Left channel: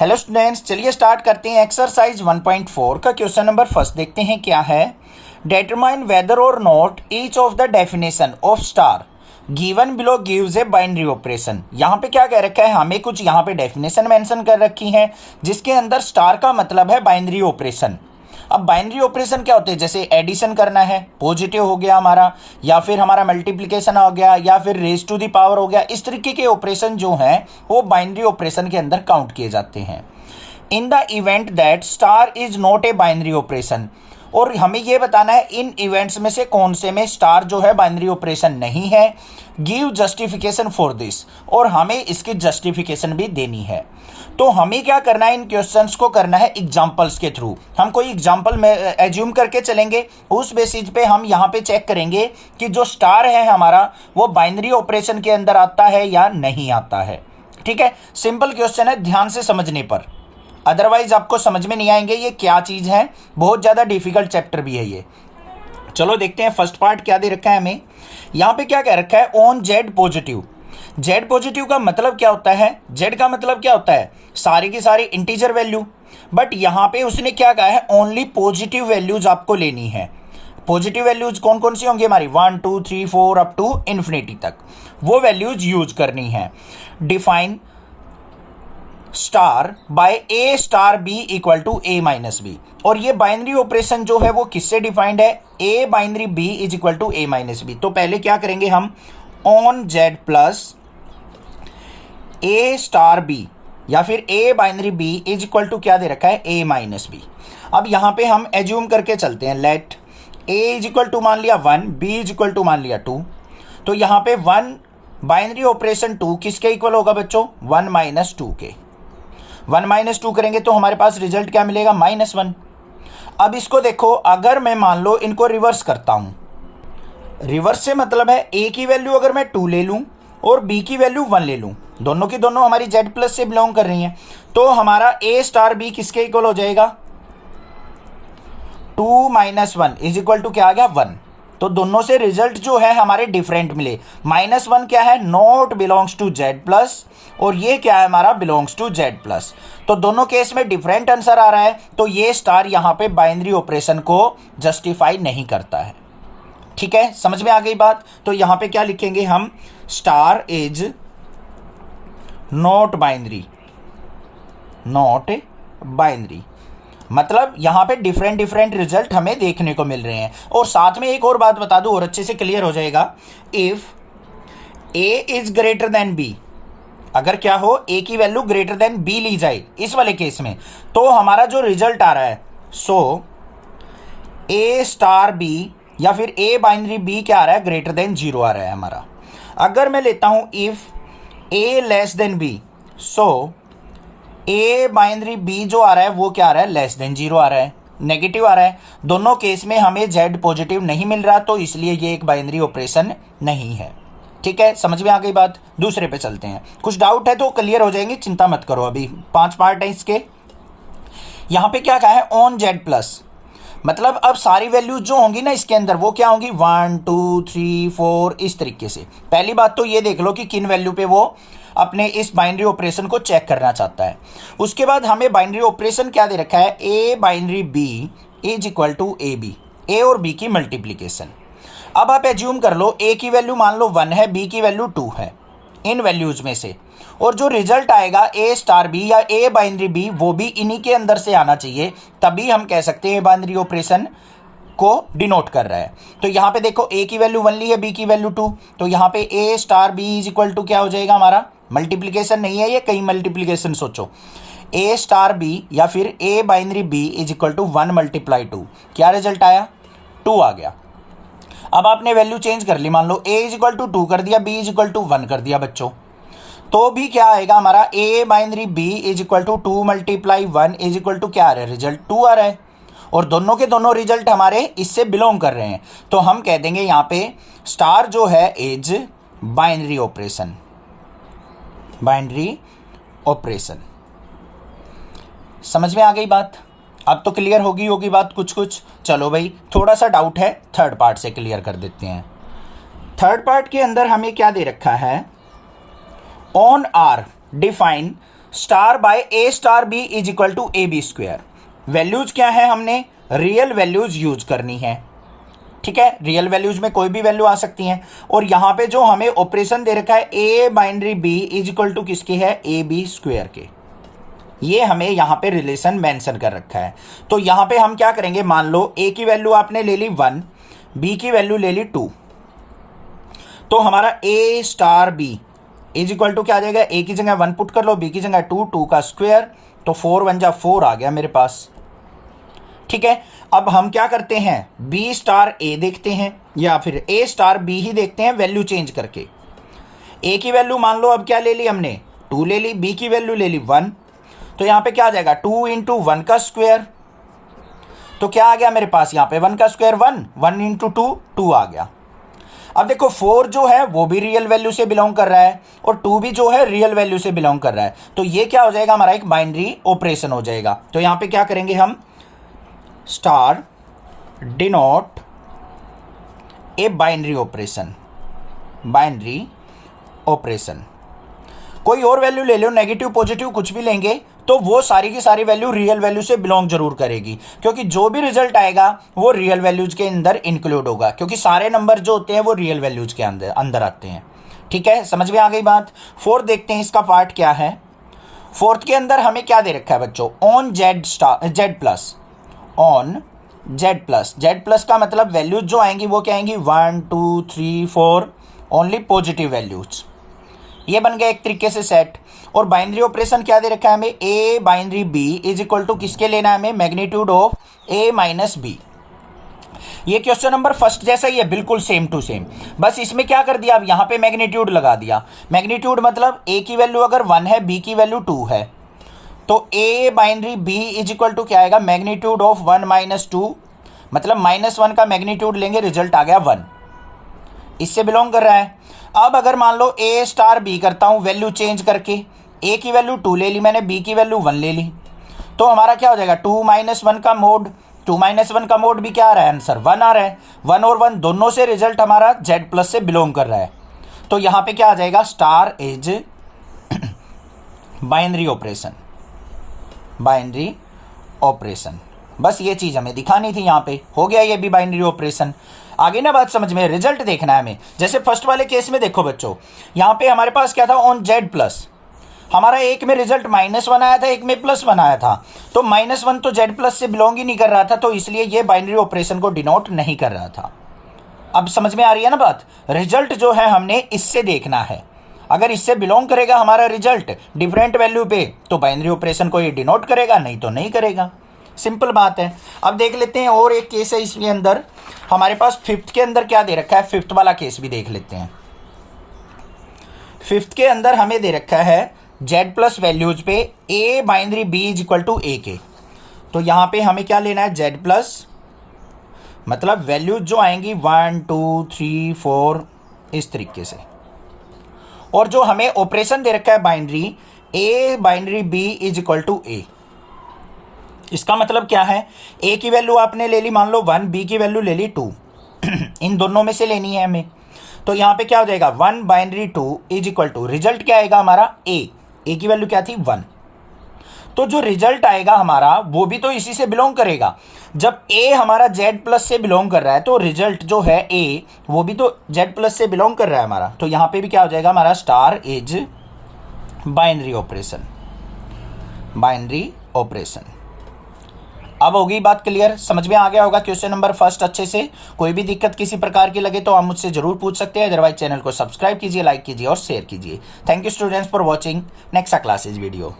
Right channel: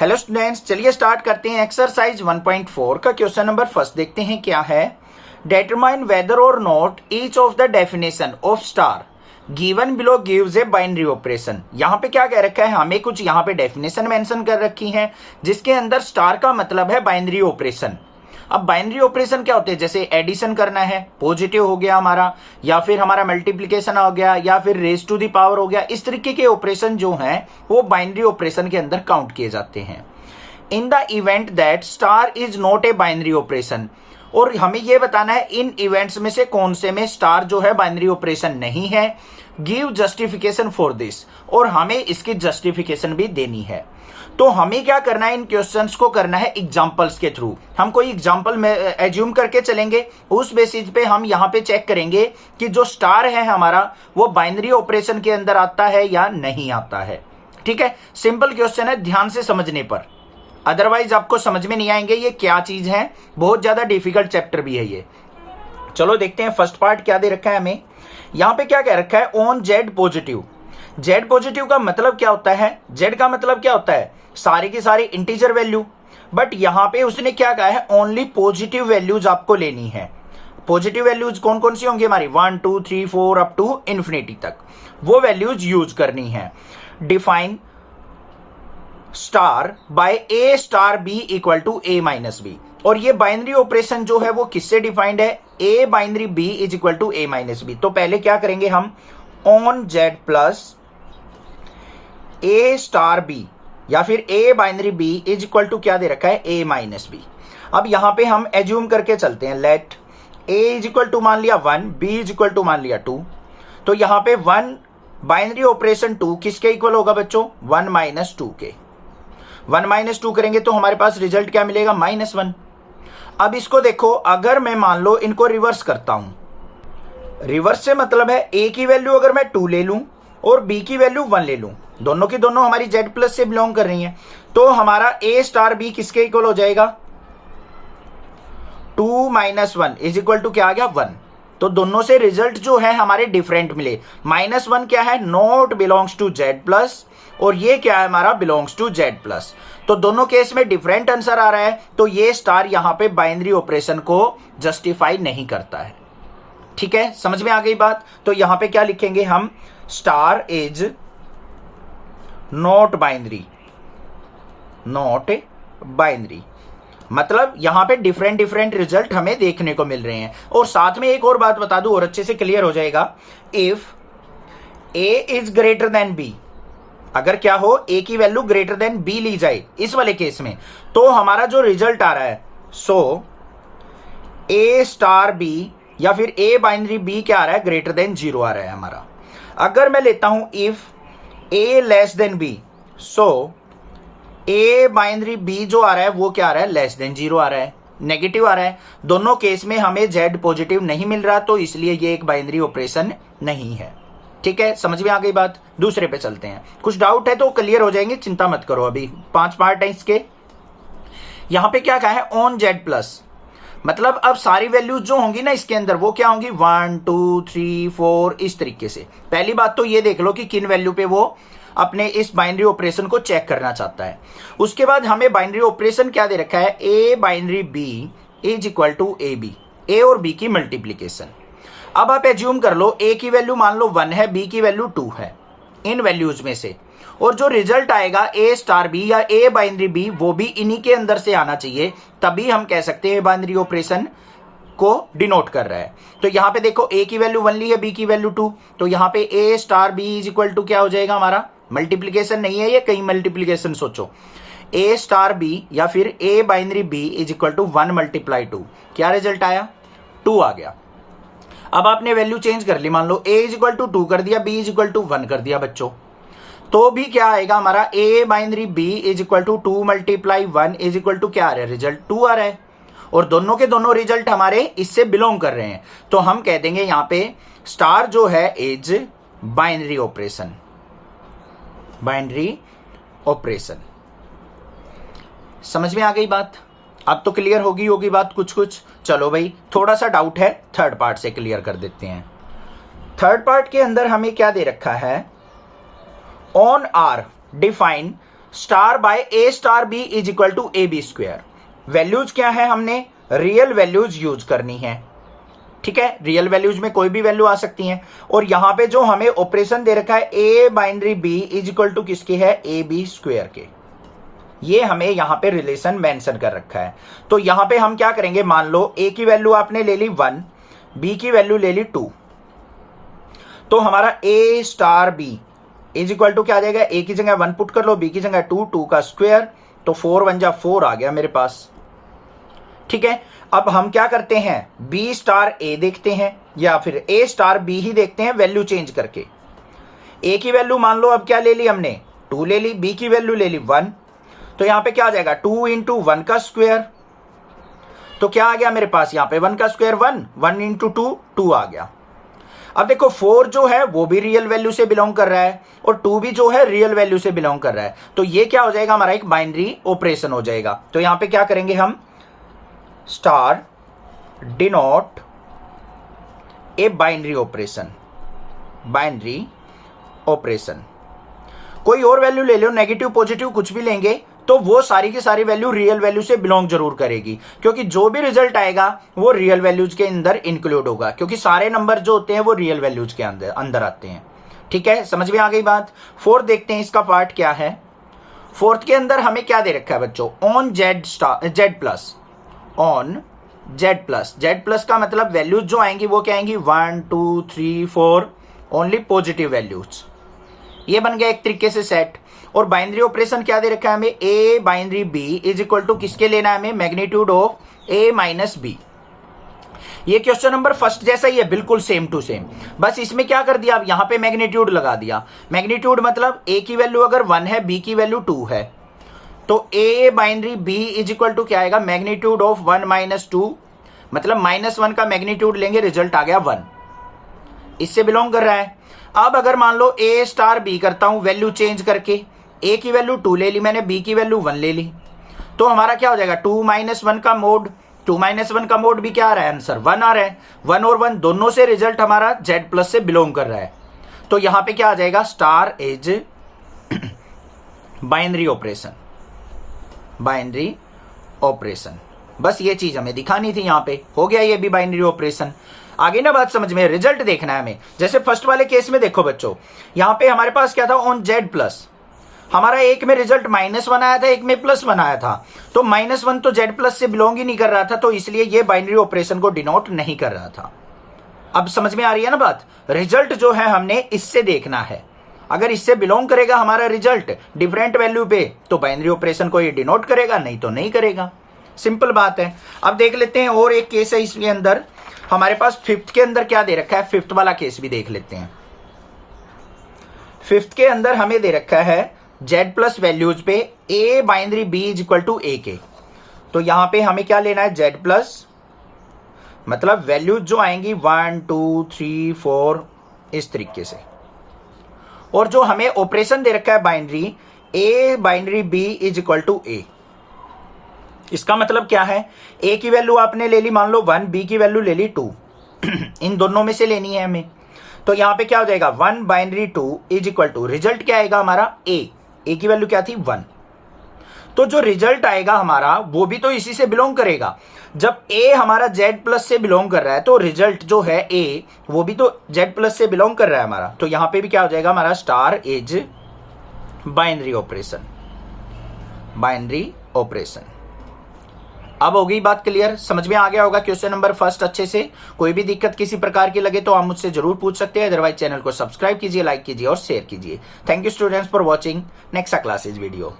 Hello students, चलिए start करते हैं। एक्सरसाइज 1.4 का क्वेश्चन नंबर फर्स्ट देखते हैं क्या है। डिटरमाइन वेदर और not each of the definition of star given below gives a binary operation. यहाँ पे क्या कह रखा है, हमें कुछ यहाँ पे डेफिनेशन मेंशन कर रखी है जिसके अंदर स्टार का मतलब है बाइनरी ऑपरेशन। अब बाइनरी ऑपरेशन क्या होते हैं, जैसे एडिशन करना है, पॉजिटिव हो गया हमारा, या फिर हमारा मल्टीप्लिकेशन हो गया, या फिर रेज टू द पावर हो गया। इस तरीके के ऑपरेशन जो हैं वो बाइनरी ऑपरेशन के अंदर काउंट किए जाते हैं। In the event that star is not a binary operation, और हमें यह बताना है इन इवेंट्स में से कौन से में स्टार जो है बाइनरी ऑपरेशन नहीं है। गिव जस्टिफिकेशन फॉर दिस, और हमें इसकी जस्टिफिकेशन भी देनी है। तो हमें क्या करना है, इन क्वेश्चंस को करना है एग्जांपल्स के थ्रू। हम कोई एग्जांपल में एज्यूम करके चलेंगे, उस बेसिस पे हम यहाँ पे चेक करेंगे कि जो स्टार है हमारा वो बाइनरी ऑपरेशन के अंदर आता है या नहीं आता है। ठीक है, सिंपल क्वेश्चन है, ध्यान से समझने पर, अदरवाइज आपको समझ में नहीं आएंगे ये क्या चीज है। बहुत ज्यादा डिफिकल्ट चैप्टर भी है ये। चलो देखते हैं फर्स्ट पार्ट क्या दे रखा है हमें। यहां पे क्या कह रखा है, on Z positive. Z positive का मतलब क्या होता है, जेड का मतलब क्या होता है, सारी की सारी इंटीजर वैल्यू। बट यहां पे उसने क्या कहा है, ओनली पॉजिटिव वैल्यूज आपको लेनी है। पॉजिटिव वैल्यूज कौन कौन सी होंगी हमारी, 1 2 3 4 अप टू इन्फिनिटी तक, वो वैल्यूज यूज करनी है। Define star by A star B equal to A minus B, और ये बाइनरी ऑपरेशन जो है वो किससे डिफाइंड है, A binary B is equal to A minus B. तो पहले क्या करेंगे हम, on Z plus A star B, या फिर A binary B is equal to क्या दे रखा है, ए माइनस बी। अब यहां पे हम एज्यूम करके चलते हैं, let A is equal to मान लिया 1, बी इज इक्वल टू मान लिया 2। तो यहां पे 1 बाइनरी ऑपरेशन 2 किसके इक्वल होगा बच्चों, 1 माइनस 2 के। 1 माइनस 2 करेंगे तो हमारे पास रिजल्ट क्या मिलेगा, -1। अब इसको देखो, अगर मैं मान लो इनको रिवर्स करता हूं, रिवर्स से मतलब है ए की वैल्यू अगर मैं 2 ले लूं और बी की वैल्यू 1 ले लूं, दोनों की दोनों हमारी जेड प्लस से बिलोंग कर रही हैं, तो हमारा ए स्टार बी किसके इक्वल हो जाएगा, 2 माइनस 1 इज इक्वल टू क्या आ गया, 1। तो दोनों से रिजल्ट जो है हमारे डिफरेंट मिले। -1 क्या है, not belongs to Z plus, और ये क्या है हमारा, बिलोंग्स टू जेड प्लस। तो दोनों केस में डिफरेंट आंसर आ रहा है, तो ये स्टार यहां पे बाइनरी ऑपरेशन को जस्टिफाई नहीं करता है। ठीक है, समझ में आ गई बात। तो यहां पे क्या लिखेंगे हम, star is not binary, not binary, मतलब यहां पे डिफरेंट डिफरेंट रिजल्ट हमें देखने को मिल रहे हैं। और साथ में एक और बात बता दूं और अच्छे से क्लियर हो जाएगा, if A is greater than B, अगर क्या हो, ए की वैल्यू ग्रेटर देन बी ली जाए इस वाले केस में, तो हमारा जो रिजल्ट आ रहा है, सो ए स्टार बी या फिर ए बाइनरी बी क्या आ रहा है, ग्रेटर देन 0 आ रहा है हमारा। अगर मैं लेता हूं if A less than B, so A binary B जो आ रहा है वो क्या आ रहा है, लेस देन 0 आ रहा है, नेगेटिव आ रहा है। दोनों केस में हमें जेड पॉजिटिव नहीं मिल रहा, तो इसलिए ये एक बाइनरी ऑपरेशन नहीं है। ठीक है, समझ में आ गई बात। दूसरे पे चलते हैं, कुछ डाउट है तो क्लियर हो जाएंगे, चिंता मत करो। अभी 5 पार्ट है इसके। यहां पे क्या कहा है, ऑन जेड प्लस, मतलब अब सारी वैल्यूज जो होंगी ना इसके अंदर वो क्या होंगी, 1 2 3 4 इस तरीके से। पहली बात तो ये देख लो कि किन वैल्यू पे वो अपने इस बाइनरी ऑपरेशन को चेक करना चाहता है। उसके बाद हमें बाइनरी ऑपरेशन क्या दे रखा है, A binary B is equal to A B, A और बी की मल्टीप्लीकेशन। अब आप एज्यूम कर लो ए की वैल्यू मान लो 1 है, बी की वैल्यू 2 है, इन वैल्यूज में से, और जो रिजल्ट आएगा ए स्टार बी या ए बाइनरी बी वो भी इन्हीं के अंदर से आना चाहिए, तभी हम कह सकते हैं बाइनरी ऑपरेशन को डिनोट कर रहा है। तो यहां पे देखो ए की वैल्यू 1 ली है, बी की वैल्यू 2, तो यहां पे A star B is equal to क्या हो जाएगा हमारा, मल्टीप्लीकेशन नहीं है ये, कई मल्टीप्लीकेशन सोचो, ए स्टार बी या फिर A binary B is equal to 1 multiply 2, क्या रिजल्ट आया, 2 आ गया। अब आपने वैल्यू चेंज कर ली, मान लो ए इज इक्वल टू 2 कर दिया, बी इज इक्वल टू 1 कर दिया बच्चों, तो भी क्या आएगा हमारा, A binary B is equal to 2 multiply 1 is equal to क्या आ रहा है, रिजल्ट 2 आ रहा है, और दोनों के दोनों रिजल्ट हमारे इससे बिलोंग कर रहे हैं। तो हम कह देंगे यहां पे स्टार जो है is binary operation, binary operation. समझ में आ गई बात। अब तो क्लियर होगी बात कुछ कुछ। चलो भाई, थोड़ा सा डाउट है, थर्ड पार्ट से क्लियर कर देते हैं। थर्ड पार्ट के अंदर हमें क्या दे रखा है, on R define star by A star B is equal to A B square. Values क्या है, हमने रियल वैल्यूज यूज करनी है, ठीक है। रियल वैल्यूज में कोई भी वैल्यू आ सकती हैं। और यहां पे जो हमें ऑपरेशन दे रखा है A binary B is equal to किसके है, ए बी स्क्वायर के, ये हमें यहां पे रिलेशन मेंशन कर रखा है। तो यहां पे हम क्या करेंगे, मान लो ए की वैल्यू आपने ले ली 1, बी की वैल्यू ले ली 2, तो हमारा A star B is equal to क्या आ जाएगा, ए की जगह 1 पुट कर लो, बी की जगह 2, 2 का स्क्वायर, तो 4 1 जा 4 आ गया मेरे पास, ठीक है। अब हम क्या करते हैं, बी स्टार ए देखते हैं या फिर ए स्टार बी ही देखते हैं वैल्यू चेंज करके। ए की वैल्यू मान लो अब क्या ले ली हमने, 2 ले ली, बी की वैल्यू ले ली 1, तो यहां पे क्या आ जाएगा 2 इंटू 1 का स्क्वायर, तो क्या आ गया मेरे पास यहां पे 1 का स्क्वायर 1, 1 इंटू 2 2 आ गया। अब देखो 4 जो है वो भी रियल वैल्यू से बिलोंग कर रहा है और 2 भी जो है रियल वैल्यू से बिलोंग कर रहा है, तो ये क्या हो जाएगा हमारा एक बाइनरी ऑपरेशन हो जाएगा। तो यहां पे क्या करेंगे हम, star denote a binary operation, binary operation. कोई और वैल्यू ले लो, नेगेटिव पॉजिटिव कुछ भी लेंगे तो वो सारी की सारी वैल्यू रियल वैल्यू से बिलोंग जरूर करेगी, क्योंकि जो भी रिजल्ट आएगा वो रियल वैल्यूज के अंदर इंक्लूड होगा, क्योंकि सारे नंबर जो होते हैं वो रियल वैल्यूज के अंदर आते हैं, ठीक है। समझ में आ गई बात। 4 देखते हैं इसका पार्ट क्या है। 4th के अंदर हमें क्या दे रखा है बच्चों, on Z plus, on Z plus. Z plus का मतलब वैल्यूज जो आएंगी वो क्या आएंगी, 1 2 3 4 ओनली पॉजिटिव वैल्यूज। ये बन गया एक तरीके से सेट। और बाइनरी ऑपरेशन क्या दे रखा है हमें, A binary B is equal to किसके लेना है हमें, magnitude of A minus B. ये क्वेश्चन नंबर फर्स्ट जैसा ही है, बिल्कुल सेम टू सेम, बस इसमें क्या कर दिया, अब यहां पे मैग्नीट्यूड लगा दिया। मैग्नीट्यूड मतलब ए की वैल्यू अगर 1 है, बी की वैल्यू 2 है, तो A binary B is equal to क्या आएगा, मैग्नीट्यूड ऑफ 1 माइनस 2, मतलब -1 का मैग्नीट्यूड लेंगे, रिजल्ट आ गया 1, इससे बिलोंग कर रहा है। अब अगर मान लो ए स्टार बी करता हूं वैल्यू चेंज करके, ए की वैल्यू 2 ले ली मैंने, बी की वैल्यू 1 ले ली, तो हमारा क्या हो जाएगा 2 - 1 का मोड, 2 - 1 का मोड भी क्या आ रहा है, आंसर 1 आ रहा है। 1 और 1 दोनों से रिजल्ट हमारा जेड प्लस से बिलोंग कर रहा है, तो यहां पे क्या आ जाएगा, star is binary operation, binary operation. बस ये चीज हमें दिखानी थी, यहां पे हो गया ये भी बाइनरी ऑपरेशन। आगे ना बात समझ में, रिजल्ट देखना है हमें। जैसे फर्स्ट वाले केस में देखो बच्चों, यहां पे हमारे पास क्या था, ऑन जेड प्लस, हमारा एक में रिजल्ट -1 आया था, एक में +1 आया था, तो -1 तो जेड प्लस से बिलोंग ही नहीं कर रहा था, तो इसलिए ये बाइनरी ऑपरेशन को डिनोट नहीं कर रहा था। अब समझ में आ रही है ना बात। रिजल्ट जो है हमने इससे देखना है, अगर इससे बिलोंग करेगा हमारा रिजल्ट डिफरेंट वैल्यू पे, तो बाइनरी ऑपरेशन को ये डिनोट करेगा, नहीं तो नहीं करेगा, सिंपल बात है। अब देख लेते हैं और एक केस है इसके अंदर, हमारे पास 5th के अंदर क्या दे रखा है, 5th वाला केस भी देख लेते हैं। 5th के अंदर हमें दे रखा है जेड प्लस वैल्यूज पे A binary B is equal to A के, तो यहां पे हमें क्या लेना है, जेड प्लस, मतलब वैल्यूज जो आएंगी 1 2 3 4 इस तरीके से। और जो हमें ऑपरेशन दे रखा है binary, A binary B is equal to A, इसका मतलब क्या है, ए की वैल्यू आपने ले ली मान लो 1, बी की वैल्यू ले ली 2, इन दोनों में से लेनी है हमें, तो यहां पे क्या हो जाएगा 1 binary 2 is equal to, result क्या आएगा हमारा ए की वैल्यू क्या थी 1, तो जो रिजल्ट आएगा हमारा वो भी तो इसी से बिलोंग करेगा। जब ए हमारा जेड प्लस से बिलोंग कर रहा है, तो रिजल्ट जो है ए वो भी तो जेड प्लस से बिलोंग कर रहा है हमारा, तो यहां पे भी क्या हो जाएगा हमारा, star is binary operation, binary operation. अब हो गई बात क्लियर, समझ में आ गया होगा क्वेश्चन नंबर फर्स्ट अच्छे से। कोई भी दिक्कत किसी प्रकार की लगे तो आप मुझसे जरूर पूछ सकते हैं, अदरवाइज चैनल को सब्सक्राइब कीजिए, लाइक कीजिए और शेयर कीजिए। Thank you students for watching next classes video.